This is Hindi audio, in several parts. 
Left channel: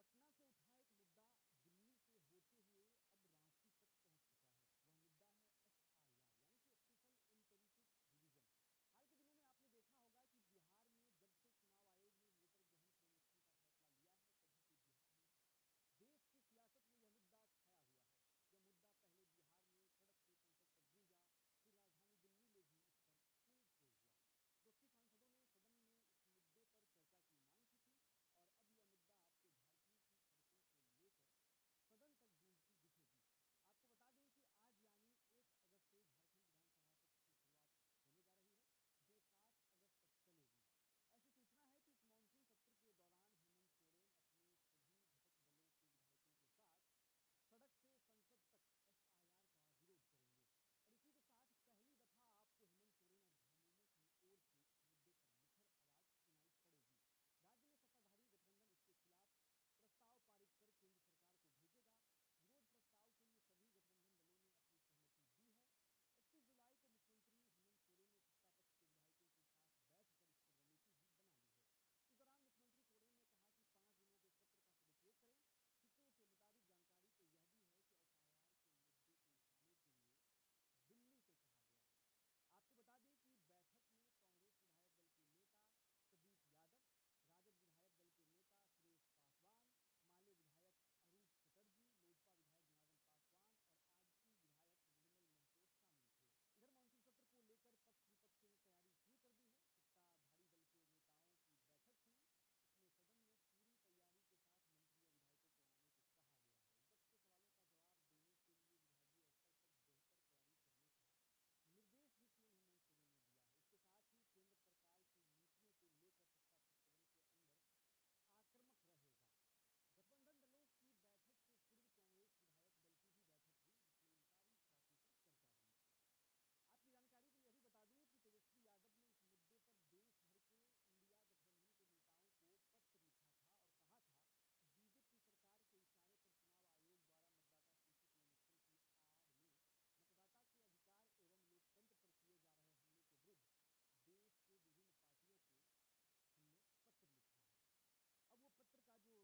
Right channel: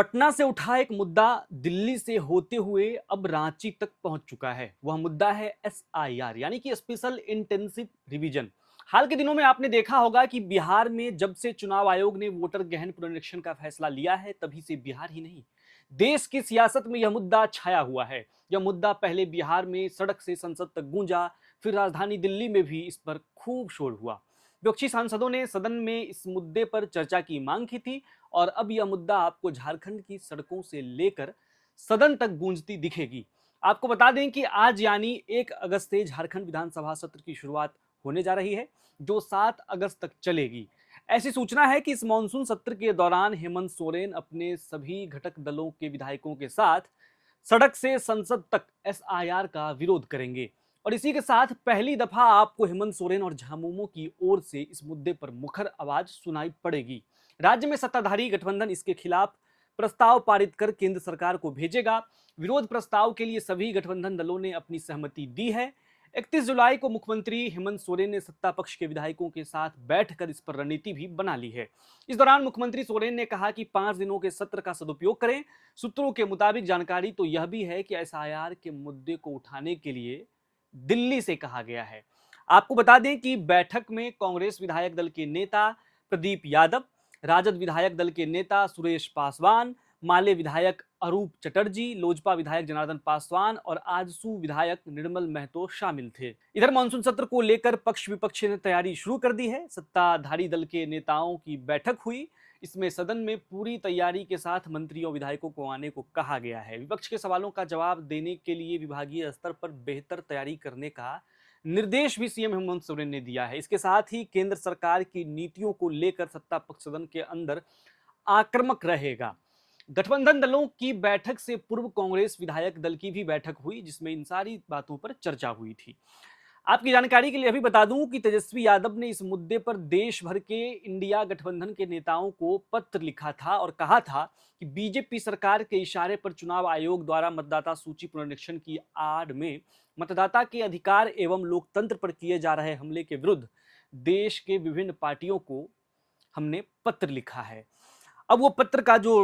पटना से उठा एक मुद्दा दिल्ली से होते हुए अब रांची तक पहुंच चुका है। वह मुद्दा है एसआईआर यानी कि स्पेशल इंटेंसिव रिवीजन। हाल के दिनों में आपने देखा होगा कि बिहार में जब से चुनाव आयोग ने वोटर गहन पुनरीक्षण का फैसला लिया है, तभी से बिहार ही नहीं, देश की सियासत में यह मुद्दा छाया हुआ है। यह मुद्दा पहले बिहार में सड़क से संसद तक गूंजा, फिर राजधानी दिल्ली में भी इस पर खूब शोर हुआ। विपक्षी सांसदों ने सदन में इस मुद्दे पर चर्चा की मांग की थी और अब यह मुद्दा आपको झारखंड की सड़कों से लेकर सदन तक गूंजती दिखेगी। आपको बता दें कि आज यानी 1 अगस्त से झारखंड विधानसभा सत्र की शुरुआत होने जा रही है, जो 7 अगस्त तक चलेगी। ऐसी सूचना है कि इस मानसून सत्र के दौरान हेमंत सोरेन अपने सभी घटक दलों के विधायकों के साथ सड़क से संसद तक एसआईआर का विरोध करेंगे। और इसी के साथ पहली दफा आपको हेमंत सोरेन और झामुमो की ओर से इस मुद्दे पर मुखर आवाज सुनाई पड़ेगी। राज्य में सत्ताधारी गठबंधन इसके खिलाफ प्रस्ताव पारित कर केंद्र सरकार को भेजेगा। विरोध प्रस्ताव के लिए सभी गठबंधन दलों ने अपनी सहमति दी है। 31 जुलाई को मुख्यमंत्री हेमंत सोरेन ने सत्ता पक्ष के विधायकों के साथ बैठकर इस पर रणनीति भी बना ली है। इस दौरान मुख्यमंत्री सोरेन ने कहा कि 5 दिनों के सत्र का सदुपयोग करें। सूत्रों के मुताबिक जानकारी तो यह भी है कि एसआईआर के मुद्दे को उठाने के लिए दिल्ली से कहा गया है। आपको बता दें कि बैठक में कांग्रेस विधायक दल के नेता प्रदीप यादव, राजद विधायक दल के नेता सुरेश पासवान, माले विधायक अरूप चटर्जी, लोजपा विधायक जनार्दन पासवान और आजसू विधायक निर्मल महतो शामिल थे। इधर मानसून सत्र को लेकर पक्ष विपक्ष ने तैयारी शुरू कर दी है। सत्ताधारी दल के नेताओं की बैठक हुई। इसमें सदन में पूरी तैयारी के साथ मंत्रियों विधायकों को आने को कहा गया है। विपक्ष के सवालों का जवाब देने के लिए विभागीय स्तर पर बेहतर तैयारी करने का निर्देश भी सीएम हेमंत सोरेन ने दिया है। इसके साथ ही केंद्र सरकार की नीतियों को लेकर सत्ता पक्ष सदन के अंदर आक्रामक रहेगा। गठबंधन दलों की बैठक से पूर्व कांग्रेस विधायक दल की भी बैठक हुई, जिसमें इन सारी बातों पर चर्चा हुई थी। आपकी जानकारी के लिए अभी बता दूं कि तेजस्वी यादव ने इस मुद्दे पर देश भर के इंडिया गठबंधन के नेताओं को पत्र लिखा था और कहा था कि बीजेपी सरकार के इशारे पर चुनाव आयोग द्वारा मतदाता सूची पुनरीक्षण की आड़ में मतदाता के अधिकार एवं लोकतंत्र पर किए जा रहे हमले के विरुद्ध देश के विभिन्न पार्टियों को हमने पत्र लिखा है। अब वो पत्र का जो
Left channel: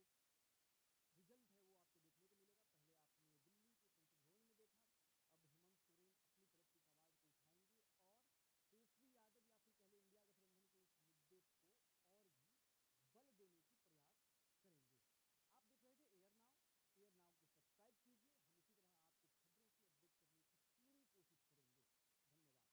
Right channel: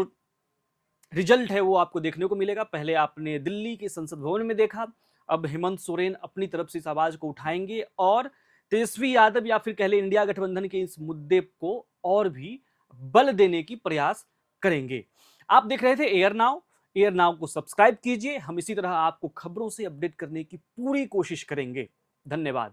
रिजल्ट है वो आपको देखने को मिलेगा। पहले आपने दिल्ली के संसद भवन में देखा, अब हेमंत सोरेन अपनी तरफ से इस आवाज को उठाएंगे और तेजस्वी यादव या फिर कह ले इंडिया गठबंधन के इस मुद्दे को और भी बल देने की प्रयास करेंगे। आप देख रहे थे एयर नाउ को सब्सक्राइब कीजिए। हम इसी तरह आपको खबरों से अपडेट करने की पूरी कोशिश करेंगे। धन्यवाद।